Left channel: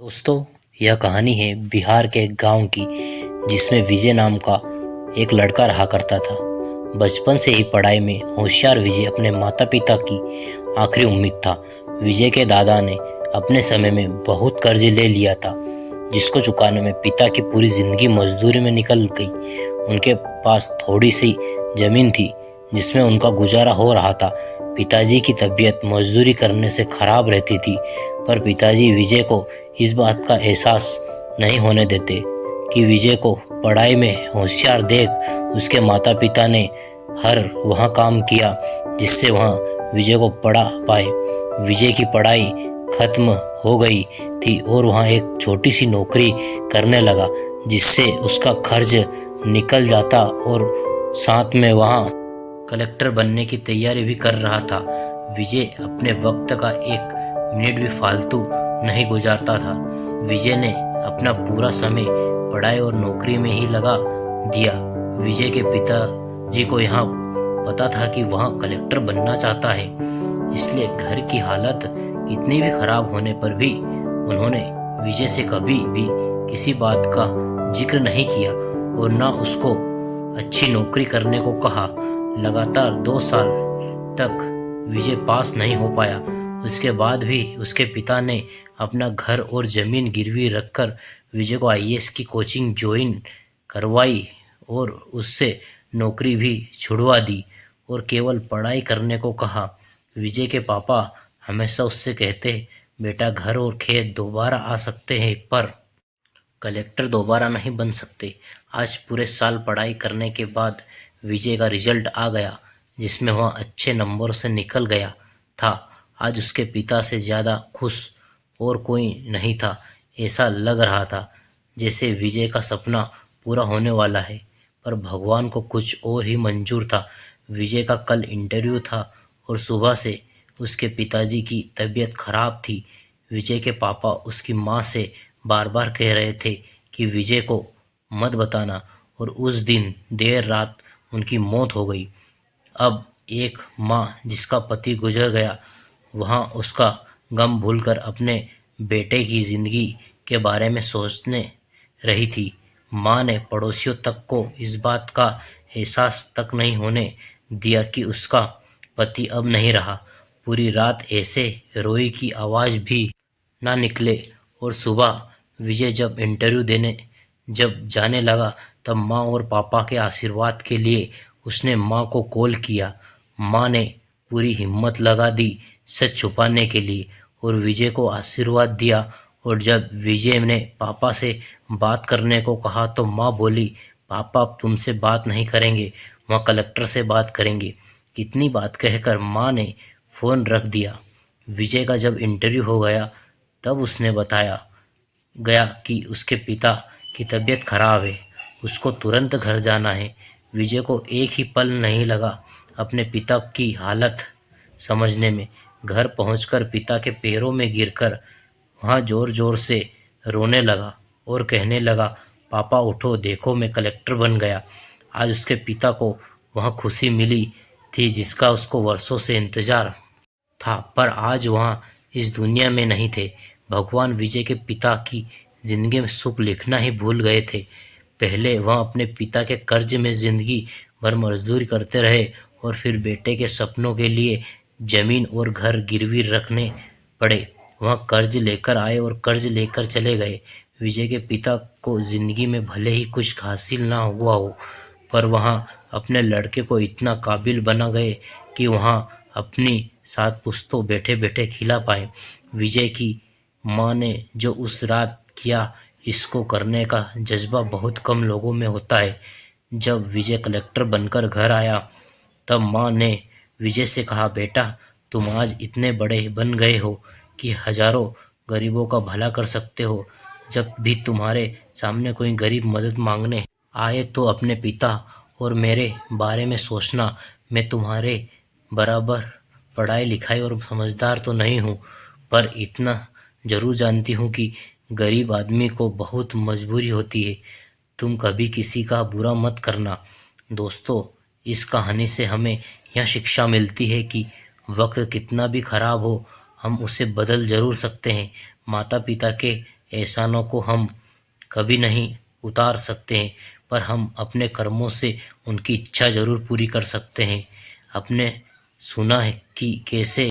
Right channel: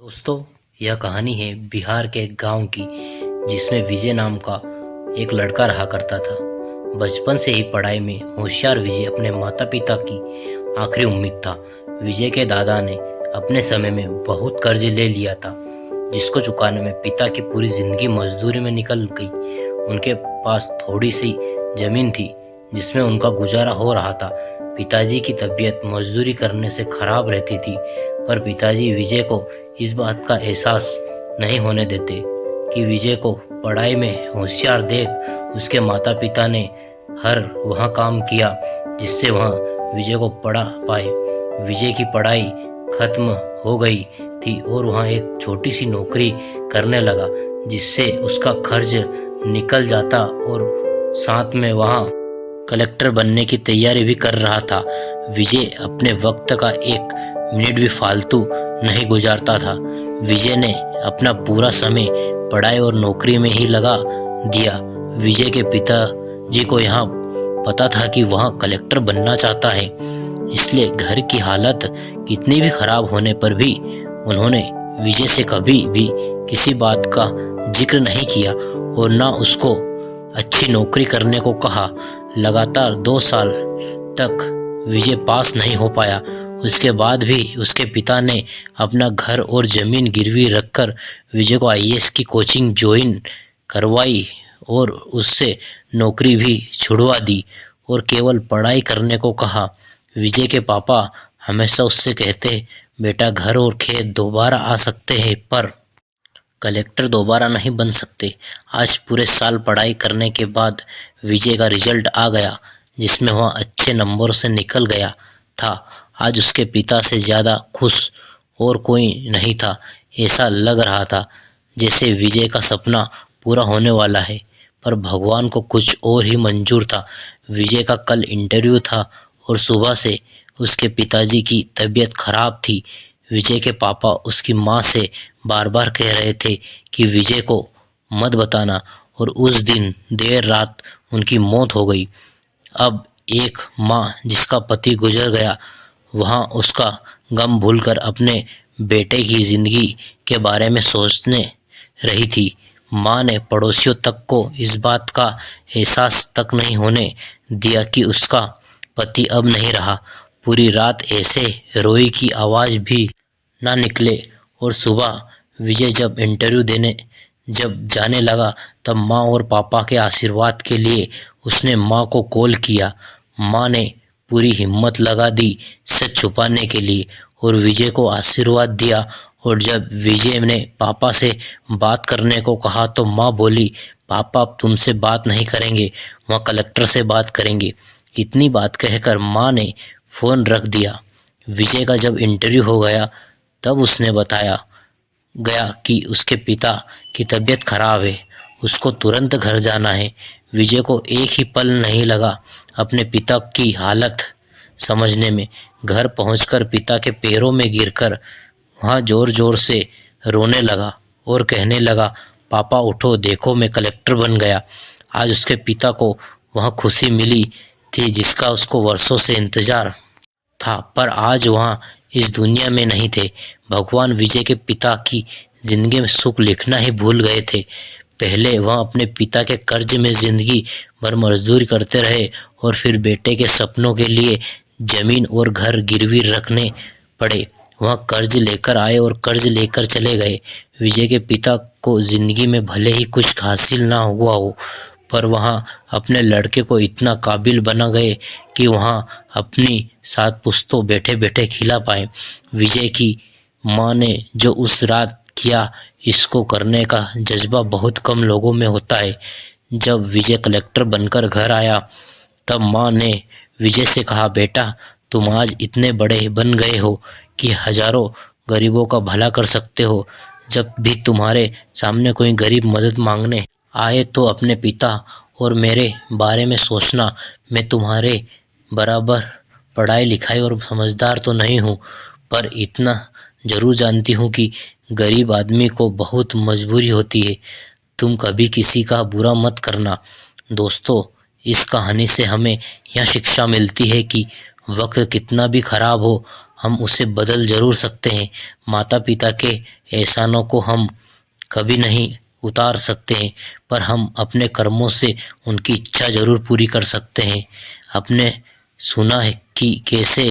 दोस्तों, यह कहानी है बिहार के एक गांव की, जिसमें विजय नाम का एक लड़का रहा करता था। बचपन से ही पढ़ाई में होशियार विजय अपने माता पिता की आखिरी उम्मीद था। विजय के दादा ने अपने समय में बहुत कर्ज ले लिया था, जिसको चुकाने में पिता की पूरी जिंदगी मजदूरी में निकल गई। उनके पास थोड़ी सी जमीन थी, जिसमें उनका गुजारा हो रहा था। पिताजी की तबीयत मजदूरी करने से खराब रहती थी, पर पिताजी विजय को इस बात का एहसास नहीं होने देते कि विजय को पढ़ाई में होशियार देख उसके माता पिता ने हर वह काम किया जिससे वह विजय को पढ़ा पाए। विजय की पढ़ाई खत्म हो गई थी और वह एक छोटी सी नौकरी करने लगा, जिससे उसका खर्च निकल जाता और साथ में वह कलेक्टर बनने की तैयारी भी कर रहा था। विजय अपने वक्त का एक मिनट भी फालतू नहीं गुजारता था। विजय ने अपना पूरा समय पढ़ाई और नौकरी में ही लगा दिया। विजय के पिताजी को यहाँ पता था कि वह कलेक्टर बनना चाहता है, इसलिए घर की हालत कितनी भी खराब होने पर भी उन्होंने विजय से कभी भी किसी बात का जिक्र नहीं किया और ना उसको अच्छी नौकरी करने को कहा। लगातार 2 साल तक विजय पास नहीं हो पाया। उसके बाद भी उसके पिता ने अपना घर और ज़मीन गिरवी रखकर विजय को आईएएस की कोचिंग ज्वाइन करवाई और उससे नौकरी भी छुड़वा दी और केवल पढ़ाई करने को कहा। विजय के पापा हमेशा उससे कहते, बेटा घर और खेत दोबारा आ सकते हैं, पर कलेक्टर दोबारा नहीं बन सकते। आज पूरे साल पढ़ाई करने के बाद विजय का रिजल्ट आ गया, जिसमें वह अच्छे नंबरों से निकल गया था। आज उसके पिता से ज़्यादा खुश और कोई नहीं था। ऐसा लग रहा था जैसे विजय का सपना पूरा होने वाला है, पर भगवान को कुछ और ही मंजूर था। विजय का कल इंटरव्यू था और सुबह से उसके पिताजी की तबीयत खराब थी। विजय के पापा उसकी माँ से बार बार कह रहे थे कि विजय को मत बताना, और उस दिन देर रात उनकी मौत हो गई। अब एक माँ जिसका पति गुजर गया, वहाँ उसका गम भूलकर अपने बेटे की ज़िंदगी के बारे में सोचने रही थी। माँ ने पड़ोसियों तक को इस बात का एहसास तक नहीं होने दिया कि उसका पति अब नहीं रहा। पूरी रात ऐसे रोई की आवाज़ भी ना निकले, और सुबह विजय जब इंटरव्यू देने जब जाने लगा, तब माँ और पापा के आशीर्वाद के लिए उसने माँ को कॉल किया। माँ ने पूरी हिम्मत लगा दी सच छुपाने के लिए और विजय को आशीर्वाद दिया। और जब विजय ने पापा से बात करने को कहा तो माँ बोली, पापा अब तुमसे बात नहीं करेंगे, वह कलेक्टर से बात करेंगे। इतनी बात कहकर माँ ने फ़ोन रख दिया। विजय का जब इंटरव्यू हो गया, तब उसने बताया गया कि उसके पिता की तबीयत खराब है, उसको तुरंत घर जाना है। विजय को एक ही पल नहीं लगा अपने पिता की हालत समझने में। घर पहुंचकर पिता के पैरों में गिरकर वहाँ ज़ोर ज़ोर से रोने लगा और कहने लगा, पापा उठो, देखो मैं कलेक्टर बन गया। आज उसके पिता को वह खुशी मिली थी जिसका उसको वर्षों से इंतज़ार था, पर आज वहाँ इस दुनिया में नहीं थे। भगवान विजय के पिता की ज़िंदगी में सुख लिखना ही भूल गए थे। पहले वह अपने पिता के कर्ज में ज़िंदगी भर मजदूरी करते रहे और फिर बेटे के सपनों के लिए ज़मीन और घर गिरवी रखने पड़े। वह कर्ज लेकर आए और कर्ज लेकर चले गए। विजय के पिता को ज़िंदगी में भले ही कुछ हासिल ना हुआ हो, पर वहाँ अपने लड़के को इतना काबिल बना गए कि वहाँ अपनी 7 पुश्तों बैठे बैठे खिला पाए। विजय की माँ ने जो उस रात किया, इसको करने का जज्बा बहुत कम लोगों में होता है। जब विजय कलेक्टर बनकर घर आया, तब माँ ने विजय से कहा, बेटा तुम आज इतने बड़े बन गए हो कि हजारों गरीबों का भला कर सकते हो। जब भी तुम्हारे सामने कोई गरीब मदद मांगने आए तो अपने पिता और मेरे बारे में सोचना। मैं तुम्हारे बराबर पढ़ाई लिखाई और समझदार तो नहीं हूँ, पर इतना ज़रूर जानती हूँ कि गरीब आदमी को बहुत मजबूरी होती है। तुम कभी किसी का बुरा मत करना। दोस्तों, इस कहानी से हमें यह शिक्षा मिलती है कि वक्त कितना भी खराब हो, हम उसे बदल जरूर सकते हैं। माता पिता के एहसानों को हम कभी नहीं उतार सकते हैं, पर हम अपने कर्मों से उनकी इच्छा जरूर पूरी कर सकते हैं। आपने सुना है कि कैसे